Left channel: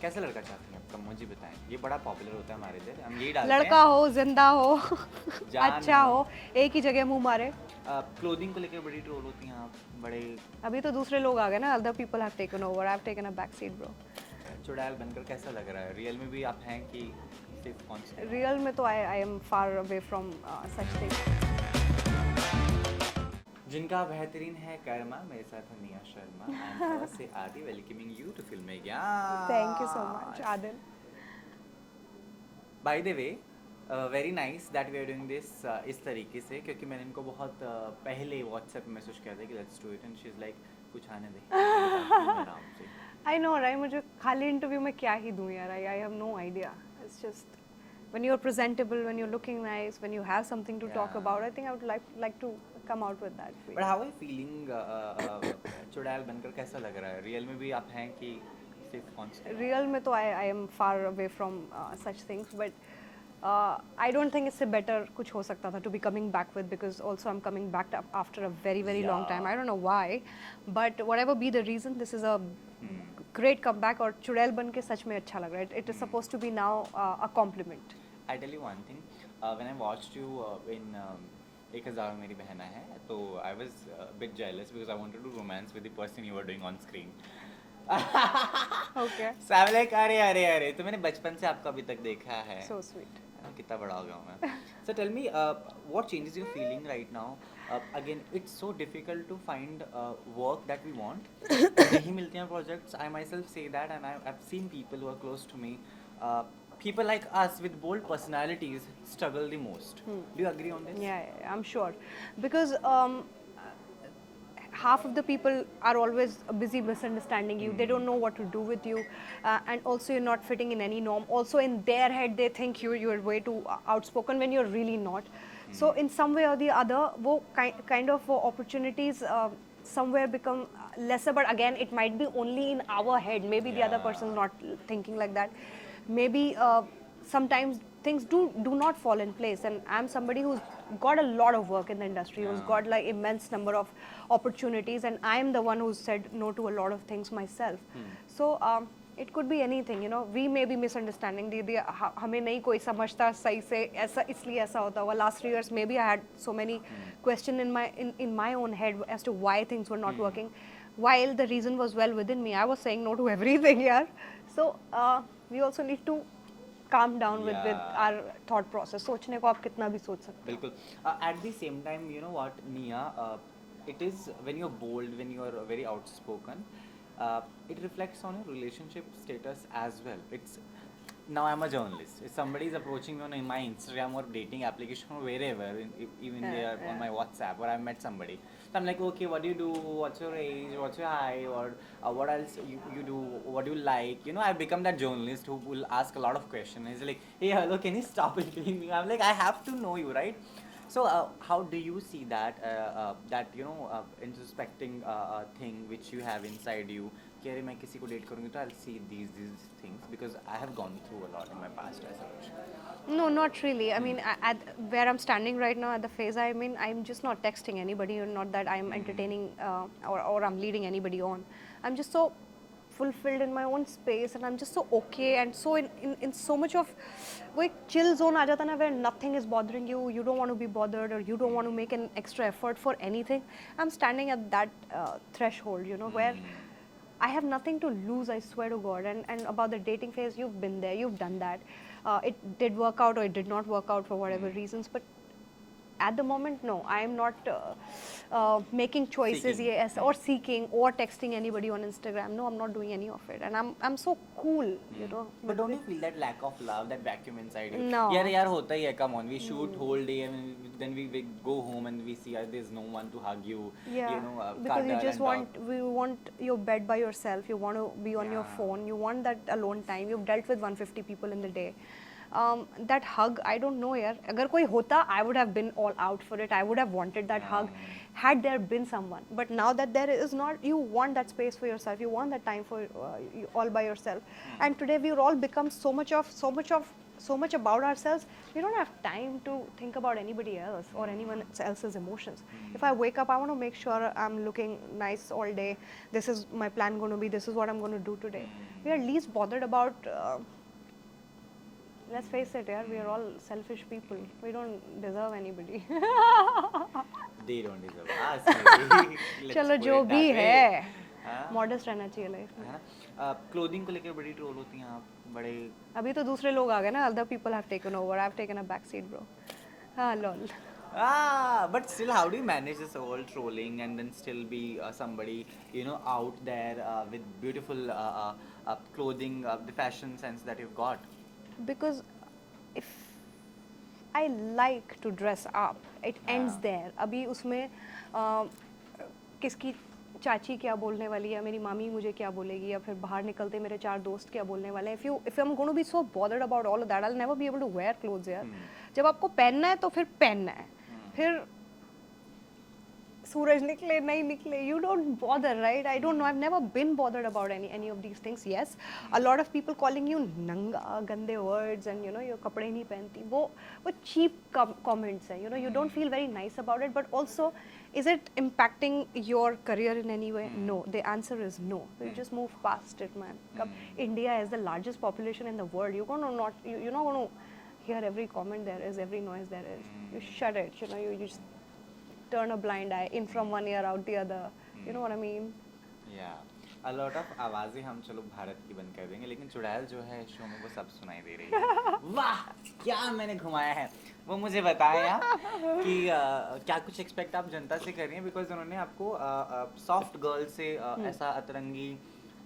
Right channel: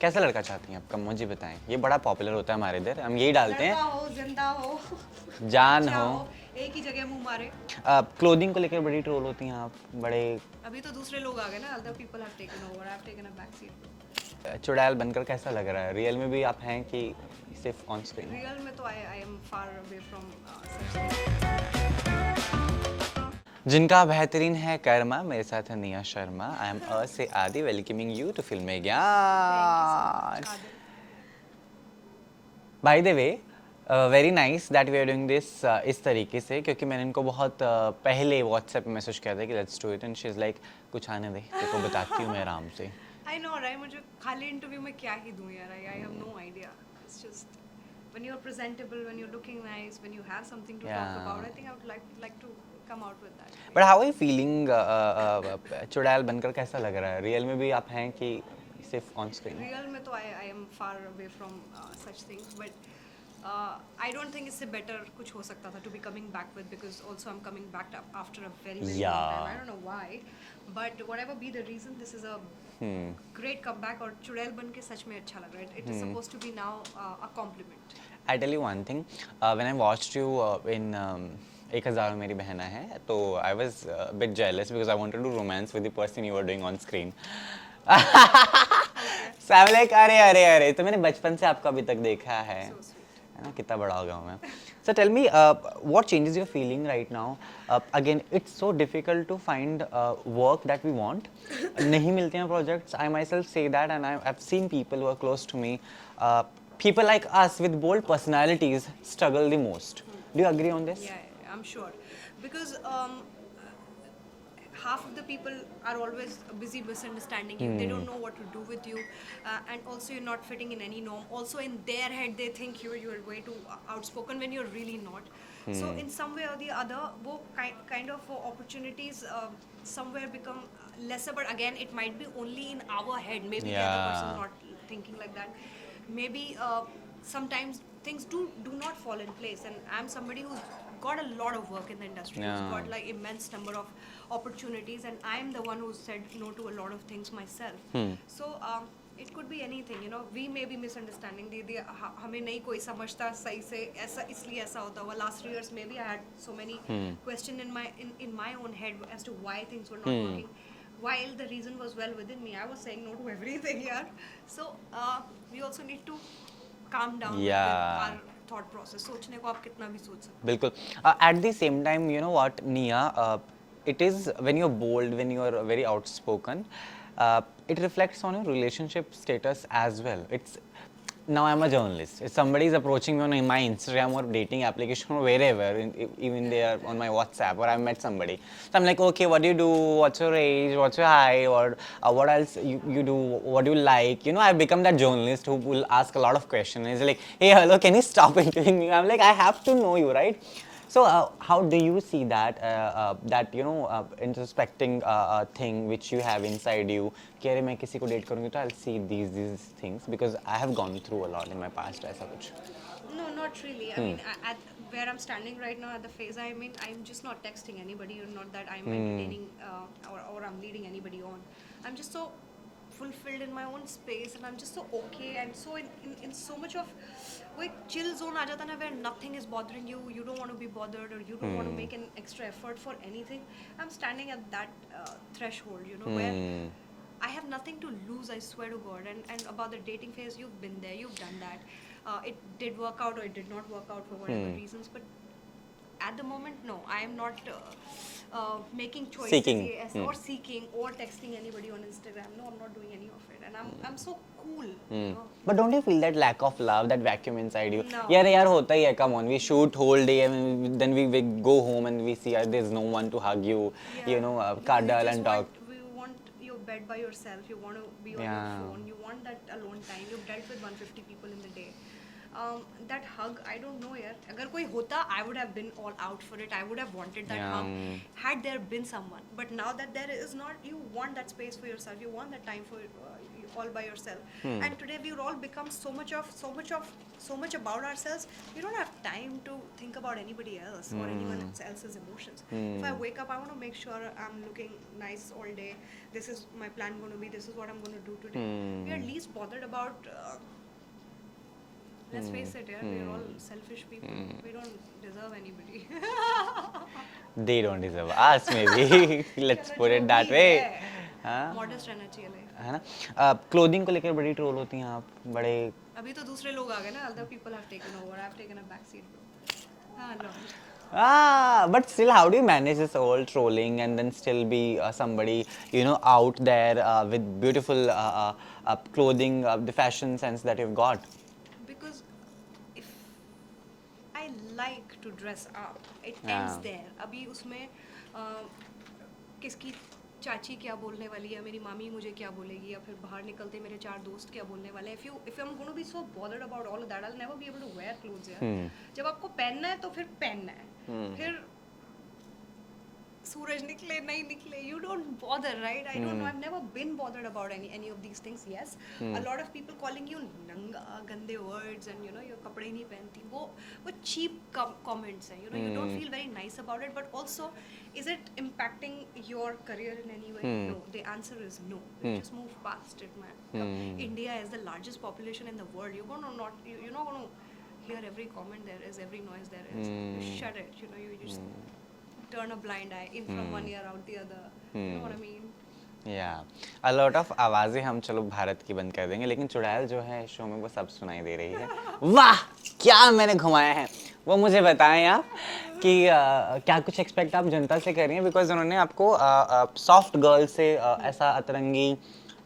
कैसा लड़का चाहती हैं आप? कम मुझे बताएं। ये बड़ा पॉपुलर होता है हमारे इधर, हम यही डालते लड़का हैं। हो, जिंदा हो, जान अच्छा हो। हो, एक ही जगह मुंह मारे। क्लोथिंग को लेकर बड़ी ट्रोल होती हैं आप, बड़े अभी तो दूसरे लोग आ गए ना, other people have taken over, I have taken a back seat bro. चुड़ैल बनकर कैसा लग रहा है? रियल में भी आप हैं कि सिर्फ ऑन स्क्रीन? रियल में तो I am far away from such things. जिनका बेहतरीन है कर्मा, मेरे साथ है निया शर्मा। आई एम अ से आदि, welcoming you to film thank you so much Gyan. Adil. By the way, very nice that we are doing this इस तरीके से, क्योंकि मैंने इनको बहुत पहले व्हाट्सएप पे मैसेज किया था कि let's do it, and she is like कुछ आने दे, तो बताती हूँ मैं आराम से। आई नो राइट, मुझे खाली इंटरव्यू में क्या ही दूं यार, I have no idea. It's just when you're presentable, when you're looking nice, when you have something to talk Yeah. about, I think I would like to come out with that. But how are you feeling? चुड़ैल बनकर कैसा लग रहा है? Real में भी आप हैं कि सिर्फ ऑन स्क्रीन? Real में तो I am far away from such things, but I don't think इससे better कुछ हो सकता था to be coming back with, because also I'm coming back after a very long time. I don't know why, but whatever be the reason, this is a great comeback और चुड़ैल बन के सच में अच्छा लग रहा है. It is supposed to be now a compliment. I tell you one thing, when I watched you in 1000 मेरी बहना है, तो I was a bit jealous because I wanted to romance with the person you were doing on screen. Okay. So I'm like, अरे अरे अरे, तो मैंने बचपन से आपको अभी तक देखा है। So sweet. है ना, कितना बड़ा हो गया हूँ मैं। So tell me, what changes you're feeling right now? Again, it's so difficult to find work that we want. नहीं मिलते हैं projects. I myself say that, and I've seen people who are close to me. People like us with bold personalities struggle the most. Do you agree on this? Yeah, I'm sure, because half of the people are always busy misunderstanding you. They don't know what to do with you, and also you're not fitting in any norm. Also in their head they think you're way too outspoken when you're really not. So in some way or the other, वो kind of वो opportunities somewhere become lesser. But again, it might be only in our head. Maybe the other person is not thinking like that. Maybe sometimes things do not fall in place, and I'm somebody who's got a lot of work in the industry, who's got like immense number of opportunities, and I'm the one who said no to a lot of things myself. So it could be anything, you know. We may be misunderstanding, दीदी हमें नहीं कोई समझता सही से, ऐसा इसलिए ऐसा होता हुआ. Last 3 years maybe I had so many question in my own head as to why things were not working, while the reason was well within me. I was saying no to everything, yeah. So we also need to calm down with our thought process. सोचने को आप कितना भी सोच सकते. बिल्कुल. At the same time, you know what, Nia, it is when you're bold, when you're very outspoken, it reflects on your relationship status as well. It's now I'm a journalist. If somebody is approaching me on my Instagram or dating application or wherever, even they are on my WhatsApp, or I met somebody, so I'm like, okay, what do you do? What's your age? What's your height? Or what else you do? What do you like? You know, I've become that journalist who will ask a lot of questions. He's like, hey, hello, can you stop interviewing me? I'm like, I have to know you, right? So how do you see that that you know introspecting thing which you have inside you? कि अरे मैं किसी को date करूँगी तो I'll see these things, because I have gone through a lot in my past ऐसा कुछ. No, not really. I mean, at where I'm standing right now, at the phase I'm in, I'm just not texting anybody, or not that I'm entertaining or I'm leading anybody on. I'm just so fulfilled in my own space, and I'm just so okay, and so in so much of वो एक chill zone आ जाता है ना, where nothing is bothering you, you don't want to be bothered, or you don't want to make an extra effort for anything. I'm standing at that threshold, you know, where I have nothing to lose, I swear to God. And about the dating phase, you've been there, you've done that. It did work out or it did not work out for whatever reasons, but at the moment, no, I am not making choices yes, or seeking or texting anybody on Instagram. No, I'm not doing any of it, and I'm so cool, you know. But don't you feel that lack of love, that vacuum inside you? No. यार होता ही है. Come on, we shoot whole day and then we go home and we see there's no one to hug you, you know, cuddle and talk. We want your bed by yourself. You want to be on your phone. You want that alone time. You've dealt with 150 people in the day. that hug, I don't know यार, अगर कोई होता, I would have been all out for it. I would have wanted that hug. Had there been someone, but now that there is not, you want that space for yourself. You want that time for you all by yourself. And today we've all become so much about ourselves. We don't have time to think about anybody else or anyone else's emotions. If I wake up, I want to make sure I'm looking nice all day. This is my plan going to be. This is what I'm going to do today. We are least bothered about. Let's face it, yeah, we are all selfish people. We don't deserve anybody. They don't deserve us, maybe. Let's चलो put जो it that भी way. है, हाँ? modest रहना चाहिए life में. है ना? क्लोथिंग को लेकर बड़ी ट्रोल होती हैं आप, बड़े. अभी तो दूसरे लोग आ गए ना. Other people have taken over. I've taken a back seat, bro. Lol. But still, how do you manage this whole trolling and then still be somebody, out there with beautiful clothing, the fashion sense that you've got? Because if I like to dress up, it ends there. अभी उसमें किसकी चाची क्या बोलने वाली है, मेरी मामी मुझे क्या बोलेगी, या फिर बाहर निकलते मेरे 4 दोस्त क्या बोलने वाले हैं. If I'm going to be so bothered about all of that, I'll never be able to wear clothes यार. जब आपको पहनना है तो फिर पहनना है. फिर सूरज निकले नहीं निकले, you don't bother, right? I don't know. I've never been bothered about any of these things. Yes, a lot of people calling you nanga, gande words, and your कपड़े नहीं पहनती. वो cheap comments हैं. You don't feel very nice about it. But also, is it impacting your career in any way? No. The answer is no. You just move past it, man. India is the largest population in the world. You're not gonna hear every comment there is, every noise there is. You shut it. You just turn a blind eye in from one ear out the other. You know what I mean? Yeah. A lot of आवाजें हम चलो भारत की बंद कर देंगे, लेकिन चुड़ैल जो है शो में वो सब सुनाई दे रही है. वाह, क्या मैंने घुमाया है, वो मुझे बताएं आप कि क्या कुछ एक्सपेक्ट आप जनता से कर रही हैं, बिकॉज उन्होंने आपको सॉफ्ट गर्ल से ऐसा अतरंगी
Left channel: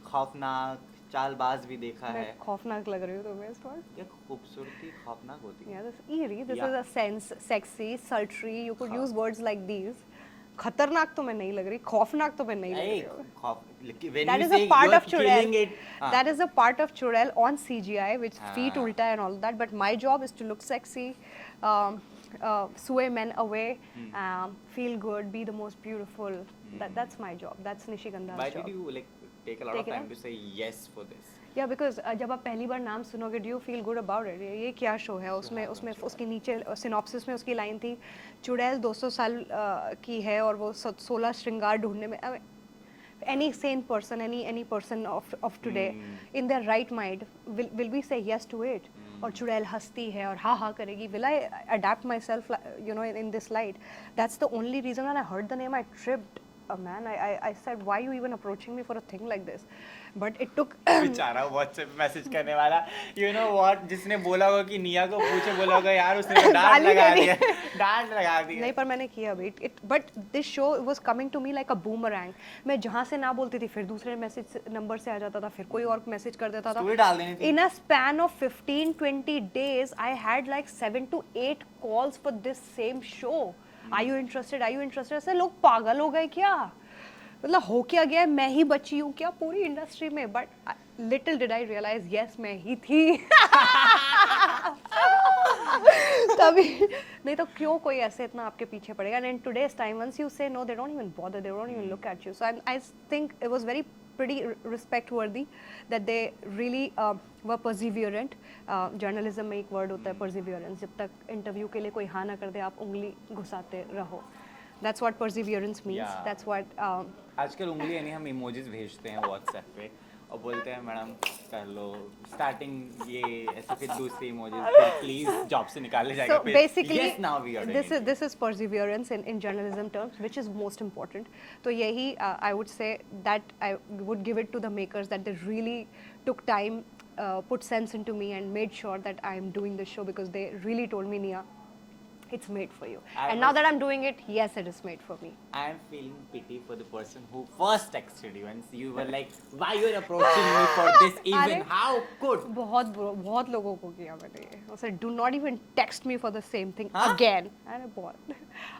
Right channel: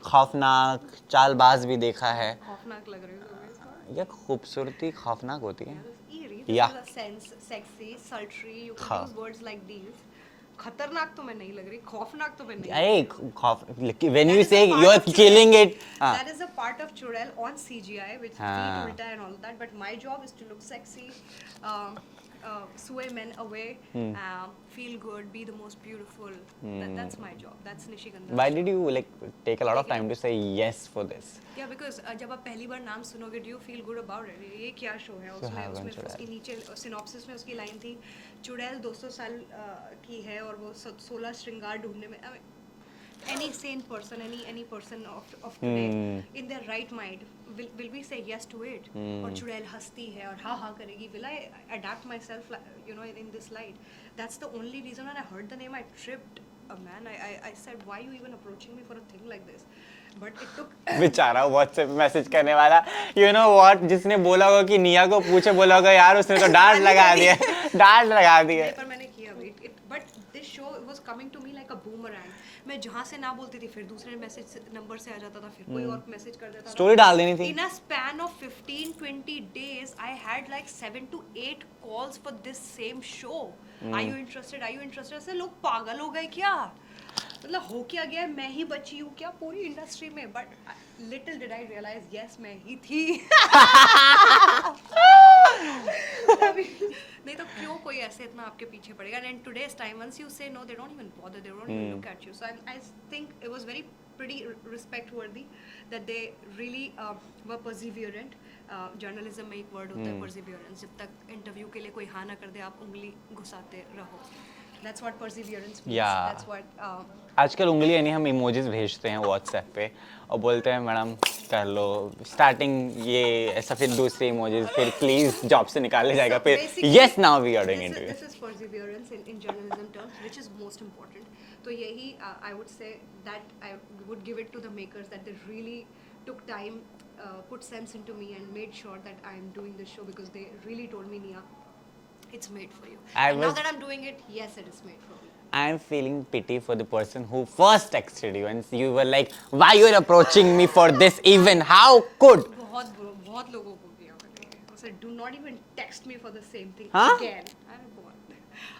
खौफनाक चालबाज भी देखा है. खौफनाक लग रही हो तुम्हें इस बार? ये खूबसूरती खौफनाक होती है. Yeah, this is eerie. This is a sense, sexy, sultry. You could use words like these. खतरनाक तो मैं नहीं लग रही, खौफनाक तो मैं नहीं. When you say you're killing it, that is a part of Chudel on CGI, which feet ulta and all that. But my job is to look sexy, sway men away, feel good, be the most beautiful. That's my job. That's Nishigandha's Why job. did you take a lot of time to say yes for this? Yeah, because जब आप पहली बार नाम सुनोगे, do you feel good about it? ये क्या show है? उसमें उसकी नीचे सिनॉप्सिस में उसकी लाइन थी, चुड़ैल 200 साल की है और वो 16 श्रृंगार ढूंढने में. Any sane person, any person of today in their right mind will we say yes to it? और चुड़ैल हंसती है और हा करेगी. Will I adapt myself, in this light? That's the only reason when I heard the name I tripped. Man, I said, why are you even approaching me for a thing like this? But it took. बेचारा WhatsApp message करने वाला, you know what, जिसने बोला होगा कि निया को पूछे, बोला होगा यार उसने तो डांट लगा दिया. नहीं, पर मैंने किया अभी. But this show was coming to me like a boomerang. मैं जहाँ से ना बोलती थी, फिर दूसरे मैसेज नंबर से आ जाता था, फिर कोई और मैसेज कर देता था. स्टोरी डाल देनी थी. In a span of 15-20 days, I had like 7 to 8 calls for this same show. Are you interested? Are you interested? ऐसे लोग पागल हो गए क्या? मतलब हो क्या गया, मैं ही बची हूँ क्या पूरी इंडस्ट्री में? But little did I realise, yes मैं ही थी. तभी नहीं तो क्यों कोई ऐसे इतना आपके पीछे पड़ेगा. And in today's time once you say no, they don't even bother, they don't even look at you. So I think it was very pretty respect worthy that they really were perseverant. Journalism में एक word होता है perseverance. जब तक interview के लिए कोई हाँ ना कर दे, आप उंगली घुसाते रहो. That's what perseverance means. Yeah. That's what. आजकल उंगली यानी हम इमोजीज भेजते हैं WhatsApp पे और बोलते हैं मैडम कर लो स्टार्टिंग ये ऐसा, फिर दूसरे इमोजीज, फिर प्लीज जॉब से निकालने जाएगा, फिर yes now we are doing it. This is perseverance in journalism terms, which is most important. तो यही I would say that I would give it to the makers, that they really took time, put sense into me and made sure that I am doing this show, because they really told me, Nia, it's made for you. And now that I'm doing it, yes, it is made for me. I am feeling pity for the person who first texted you and you were like, why you are approaching me for this even? How could? बहुत लोगों को किया मैंने ये. I said, do not even text me for the same thing again. अरे बहुत.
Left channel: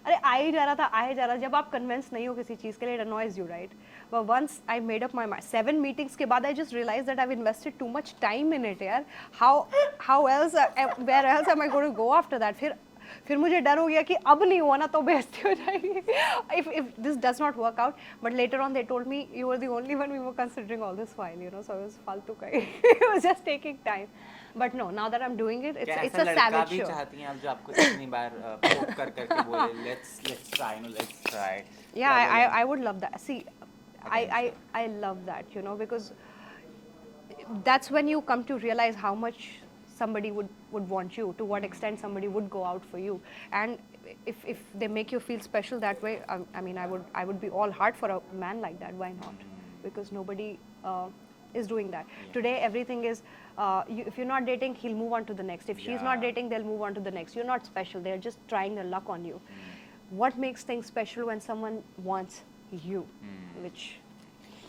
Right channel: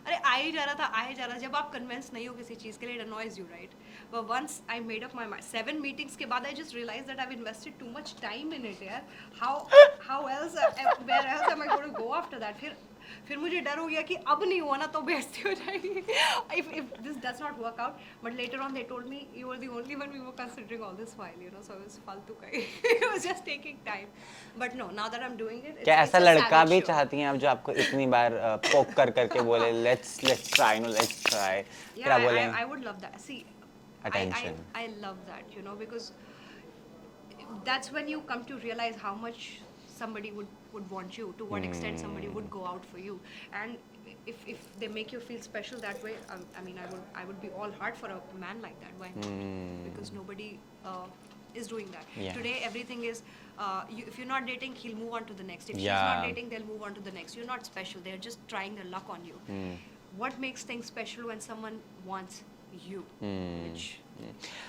अरे आ ही जा रहा था. जब आप convinced नहीं हो किसी चीज़ के लिए, it annoys you, right? but once I made up my mind, 7 meetings के बाद I just realized that I've invested too much time in it यार. How else where else am I going to go after that? फिर मुझे डर हो गया कि अब नहीं हुआ ना तो बेइज्जती हो जाएगी. If this does not work out, but later on they told me you were the only one we were considering all this while, you know, so it was फालतू का. It was just taking time. But no, now that I'm doing it, क्या it's ऐसा a लड़का savage भी show. चाहती हैं आप जो आपको इतनी बार पोक करके बोले let's try, no, let's try. Yeah, क्या बोलें? I would love that. See, Attention. I love that, you know, because that's when you come to realize how much somebody would want you, to what extent somebody would go out for you. And if they make you feel special that way, I mean, I would be all heart for a man like that. Why not? Because nobody is doing that. Yeah. Today, everything is, if you're not dating, he'll move on to the next. If she's Yeah. not dating, they'll move on to the next. You're not special. They're just trying their luck on you. What makes things special when someone wants you? Which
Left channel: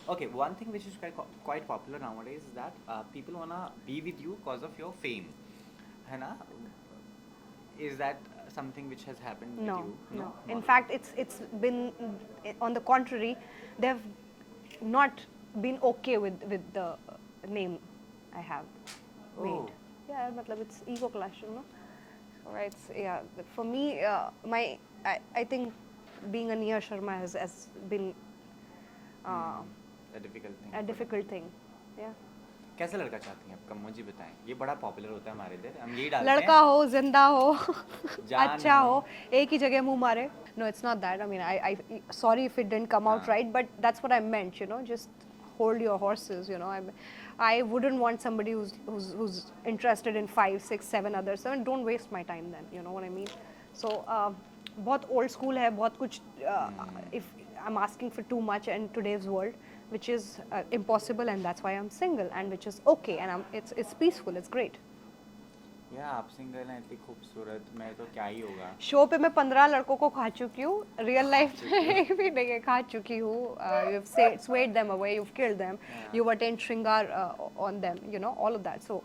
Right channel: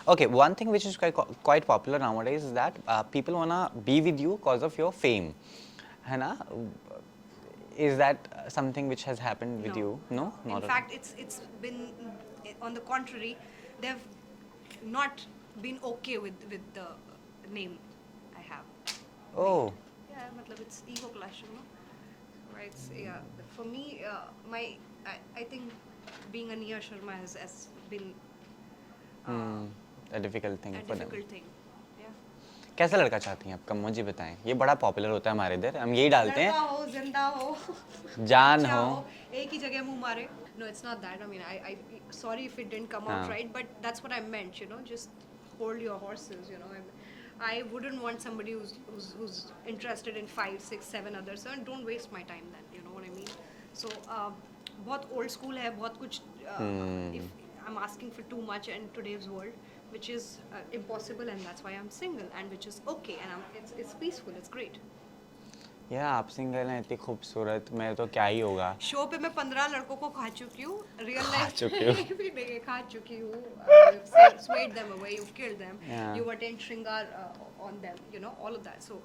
Okay, one thing which is quite popular nowadays is that people wanna be with you because of your fame, है ना? Is that something which has happened with you? No. In Not at fact, it's been on the contrary. They've not been okay with the name I have. Oh. made. Yeah, matlab it's ego clash, you know. So it's for me, I think being a Nia Sharma has been a difficult thing. a for them. difficult thing. Yeah. कैसा लड़का चाहती हैं आप? कम मुझे बताएं. ये बड़ा popular होता है हमारे इधर. हम यही डालते लड़का हैं. हो, जिंदा हो, जान अच्छा हो. हो, एक ही जगह मुंह मारे. No, it's not that. I mean, I sorry if it didn't come out right, but that's what I meant. You know, just hold your horses. You know, I wouldn't want somebody who's interested in 5, 6, 7 others. So don't waste my time then. You know what I mean? So बहुत old school है, बहुत कुछ. If I'm asking for too much in today's world, which is impossible, and that's why I'm single, and which is okay, and it's peaceful, it's great. या आप single हैं इतनी खूबसूरत, मैं तो क्या ही होगा. शो पे मैं 15 लड़कों को खा चुकी हूँ. रियल लाइफ चुकी हो. भी नहीं है, खा चुकी हूँ. You've swayed them away, you've killed them, you've attained shringar on them, you know, all of that. So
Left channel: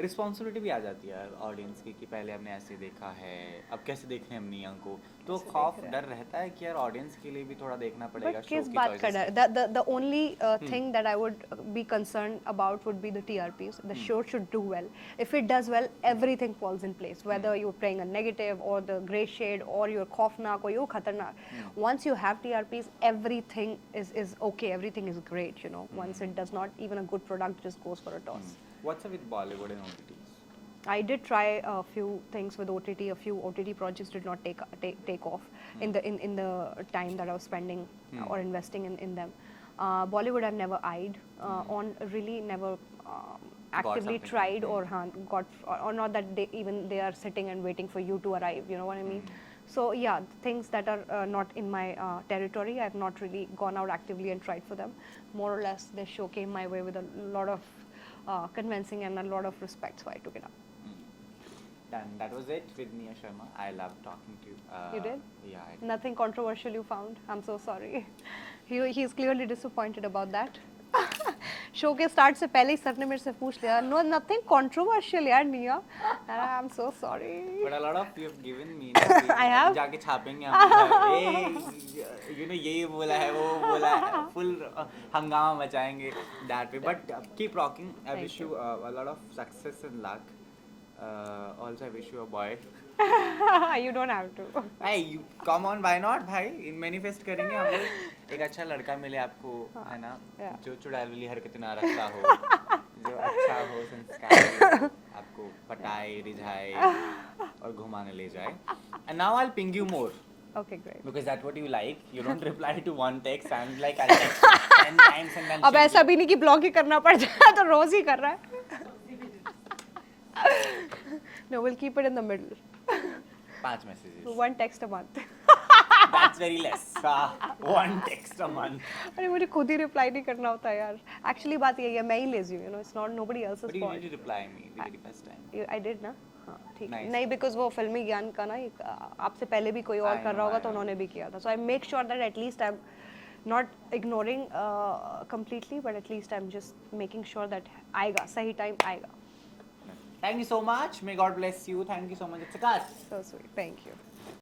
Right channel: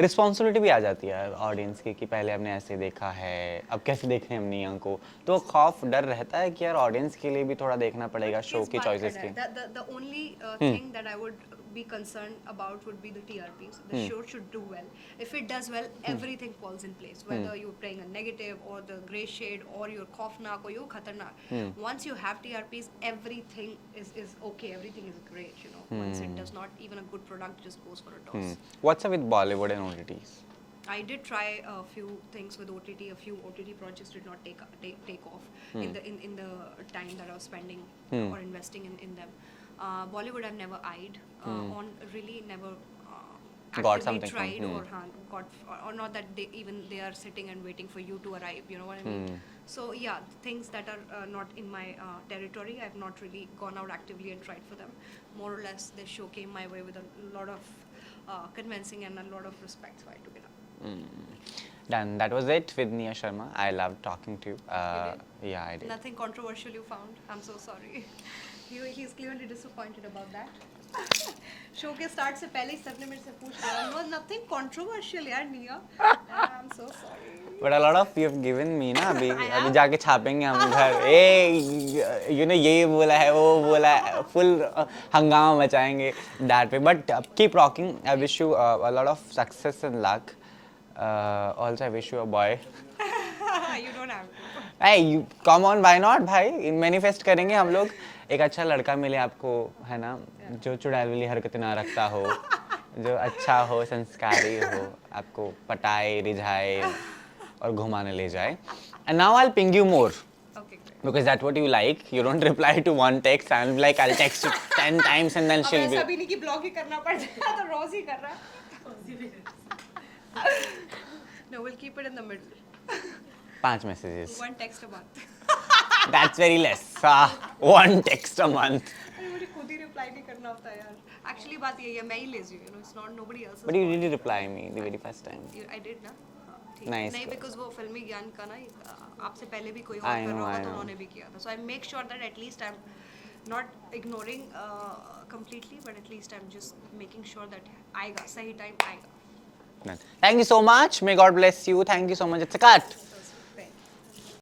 responsibility भी आ जाती है ऑडियंस की कि पहले हमने ऐसे देखा है, अब कैसे देखें हम निया को. तो खौफ डर रहता है कि यार ऑडियंस के लिए भी थोड़ा देखना पड़ेगा शो की चॉइसेस की. the only thing that I would be concerned about would be the TRPs. The show should do well. If it does well, everything falls in place. Whether you're playing a negative or the grey shade or you're khaufnak or you're khatarnak. Once you have TRPs, everything is okay. Everything is great. You know, once it does not, even a good product just goes for a toss. What's up with Bollywood and OTTs? I did try a few things with OTT. A few OTT projects did not take off in the time that I was spending or investing in them. Bollywood I've never eyed on, really never actively something tried from- or not that they are sitting and waiting for you to arrive. You know what I mean? So yeah, things that are not in my territory, I've not really gone out actively and tried for them. More or less, this show came my way with a lot of convincing and a lot of respect, so I took it up. Done. That was it with Nia Sharma. I loved talking to you. You did? Yeah, I did. Nothing controversial you found? I'm so sorry. He's clearly disappointed about that. Show के start से पहले ही sir ने मेरे से पूछ लिया. No, nothing controversial यार निया. I'm so sorry. But a lot of you have given me ना अभी. I have? अभी जाके छापेंगे हम घर. You know ये बोला है वो बोला है. Full हंगामा मचाएंगे that way. But keep rocking. I wish you a lot of success and luck. Also I wish you a boy. You don't have to. Hey, you come on, why not भाई? Manifest करेंगे हम लोग. एक अच्छा लड़का मिले आपको, है ना, जो चुड़ैल वाली हरकतें ना रखता हो, जो अच्छा हो, संस्कारी हो, आपको पटाए, रिझाए और घुमाने ले जाए. And now I'll ping you more. Okay, great. Because that's what you like. You don't reply to one text. I'm like, I'll text you 10 times and then अब she'll ऐसा be... भी नहीं कि ब्लॉग ही करना पड़ जाए, तो रोज ही कर रहा है. No, we'll keep it in the middle. 5 messages. One text a month. That's very less. 1 text a month. अरे मुझे खुद ही रिप्लाई नहीं करना होता यार. Actually बात यही है, मैं ही lazy हूँ, you know, it's not nobody else's But you fault. did reply me the very first time. I did ना. हाँ, ठीक. Nice. नहीं, because वो फिल्मी ज्ञान का ना आपसे पहले भी कोई और I कर रहा know, होगा I तो know. उन्होंने भी किया था. So I make sure that at least I'm not ignoring completely, but at least I'm just making sure that आएगा, सही time आएगा. Thank you so much. May God bless you. Thank you so much. It's a cut. So sweet. Thank you.